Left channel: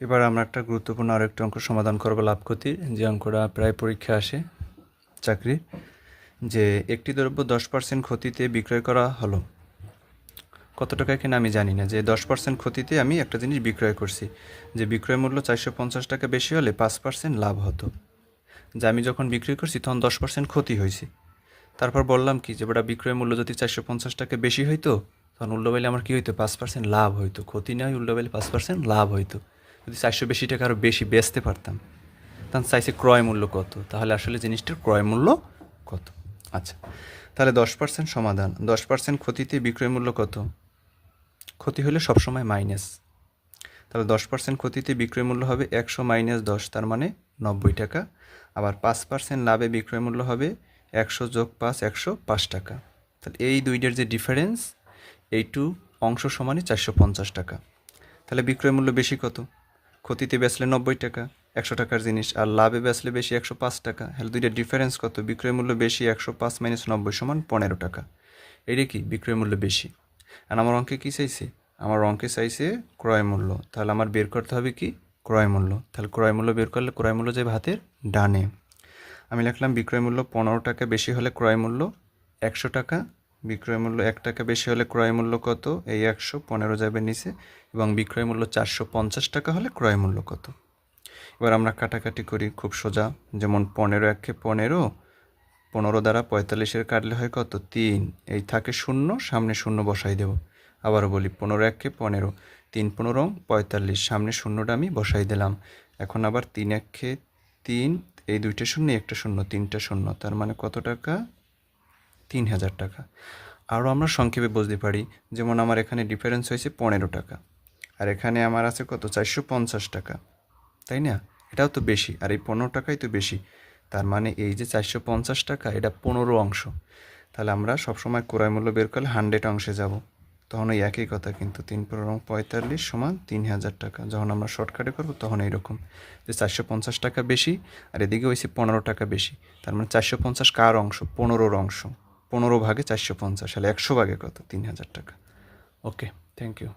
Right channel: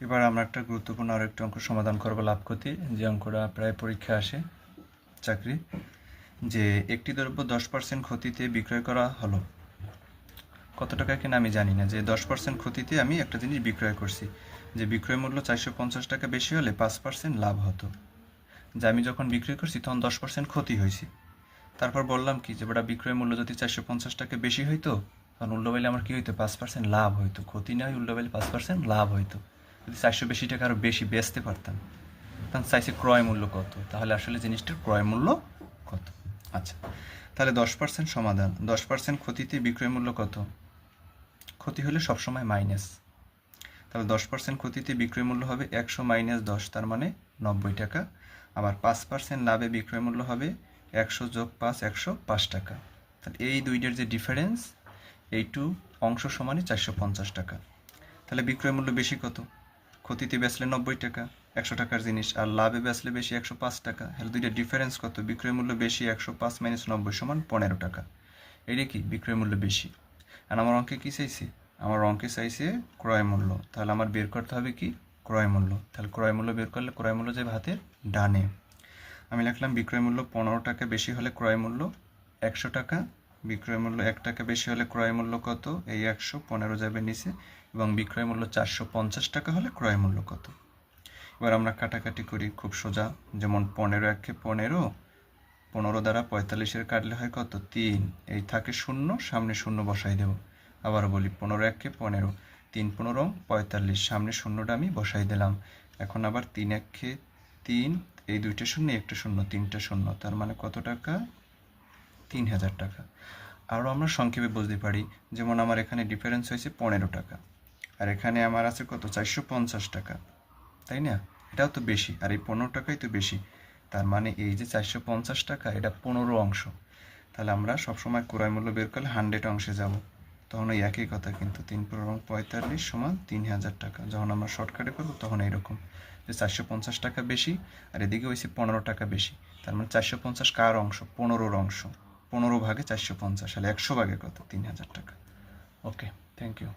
এবার আমরা একটা গুরুত্বপূর্ণ আরেকটি অঙ্ক সমাধান করব লাভ ক্ষতি। যে অঙ্কটা প্রায় পরীক্ষা আসে, চাকরি। যে একটি দ্রব্য দশ পার্সেন্ট ক্ষতিতে বিক্রয় করা হলো। কত টাকা কিনা আমি জানি না। যে দশ পার্সেন্ট ক্ষতিতে আমি একটা জিনিস বিক্রয় করছি। যে বিক্রয় মূল্য চারশো পঞ্চাশ টাকা বেশি হলে পাঁচ পার্সেন্ট লাভ হতো। যে আমি যখন বিক্রি করছি তখন দশ পার্সেন্ট ক্ষতি হয়েছে। তারপর বললাম কি, যে ওটা বিক্রয় মূল্য যদি চারশো পঞ্চাশ টাকা বেশি হইতো, তখন উল্টোবেলে আমার কী হইতো? পাঁচ পার্সেন্ট লাভ হইতো। ক্ষতি নয় উল্টোবেলে পাঁচ পার্সেন্ট লাভ হইতো। যদি চারশো বেশি টাকা আরও বেশি বেচতে পারতাম, তখন চাইছে ক্রয় মূল্য কত? তাহলে আসলে জিনিসটার ক্রয় মূল্য কত? আচ্ছা তাহলে দশ পার্সেন্ট সমাধান। দশ পার্সেন্ট ক্ষতিতে বিক্রয় মূল্য কত? ক্ষতি হলে সবসময় মাইনাস। তাহলে দশ পার্সেন্ট ক্ষতিতে বিক্রয় মূল্য হবে একশো মাইনাস দশ, তার মানে নব্বই টাকা। আবার পাঁচ পার্সেন্ট লাভে বিক্রয় মূল্য হবে একশো যোগ পাঁচ, একশো পাঁচ টাকা। তাহলে এই দুইটার যে ডিফারেন্স, এই টু অংশ সমানে চারশো পঞ্চাশ টাকা। তাহলে বিক্রয় মূল্য বেশি কত? ক্ষতিতে বেচলে নব্বই টাকা, একশো টাকার জিনিস, আর লাভে বেচলে বেশি একশো পাঁচ টাকা। তাহলে দুইটা ডিফারেন্স কত? বিক্রয় মূল্য বেশি, একশো পাঁচ মাইনাস নব্বই সমান পনেরো টাকা। এটা কি? বিক্রয় মূল্য বেশি। আর আমার অঙ্কে কী চাইছে? আমার অঙ্কে চাইছে ক্রয় মূল্য। তাহলে আমার বের করতে হবে কি? ক্রয় মূল্য। তাহলে ক্রয় মূল্য বের করলে ক্রয় মূল্য যাবে হাতের ডানে। আমি লিখলাম বিক্রয় মূল্য পনেরো টাকা, বেশি হলে ক্রয় মূল্য একশো টাকা বিক্রয় মূল্য এক টাকা বেশি হলে ক্রয় মূল্য কত? এই একশো পনেরো যাবে নিচে এবং বিক্রয় মূল্য চারশো পঞ্চাশ টাকা হলে ক্রয় মূল্য কত? এবার আমরা কাটাকাটি করি খুব সোজা। যেমন পনেরো একে পনেরো পনেরো দ্বারা পঁয়তাল্লিশের কাটলে হয় কত? তিন। এই থাকে শূন্য, সামনে শূন্য বসাই দেব। আবারও বলি পনেরো একে পনেরো, তিন পনেরো, পঁয়তাল্লিশ, সামনে শূন্যটা আমি বসাই দিলাম। এখন আবার তিন একে তিন, এই দুইটা শূন্য, একটা শূন্য, তিনটা শূন্য, তার মানে কত টাকা? তিন হাজার টাকা। আরও আমরা সংক্ষেপে বুঝতে পারি, যেমন আমার এখানে ডিফারেন্স হয়েছে পনেরো টাকা। আর এখানে আমার আছে কত? চারশো পঞ্চাশ টাকা। তাই না? এটাও তো বেশি। আর এই পনেরো টাকাই তো বেশি। তার মানে এই যে চারশো পঞ্চাশ টাকা, এটা পনেরো অংশ। তাহলে আমরা সবসময় ক্রয় মূল্য বের করলে হান্ড্রেড অংশে যাব। তখন ওই একই কথা কিন্তু, তিন পনেরো পঁয়তাল্লিশ সমান তিন হাজার টাকা। যখন আমরা শর্টকাটে করব, তখন এইরকম যে চারশো পঞ্চাশ টাকা বেশি, আর এদিকে হয়েছে পনেরো টাকা বেশি। তার মানে চারশো পঞ্চাশ কার অংশ? পনেরোর অংশ। পনেরো ভাগে চারশো পঞ্চাশ তাহলে একশো ভাগে কত তিন হাজার টাকা। Okay thank you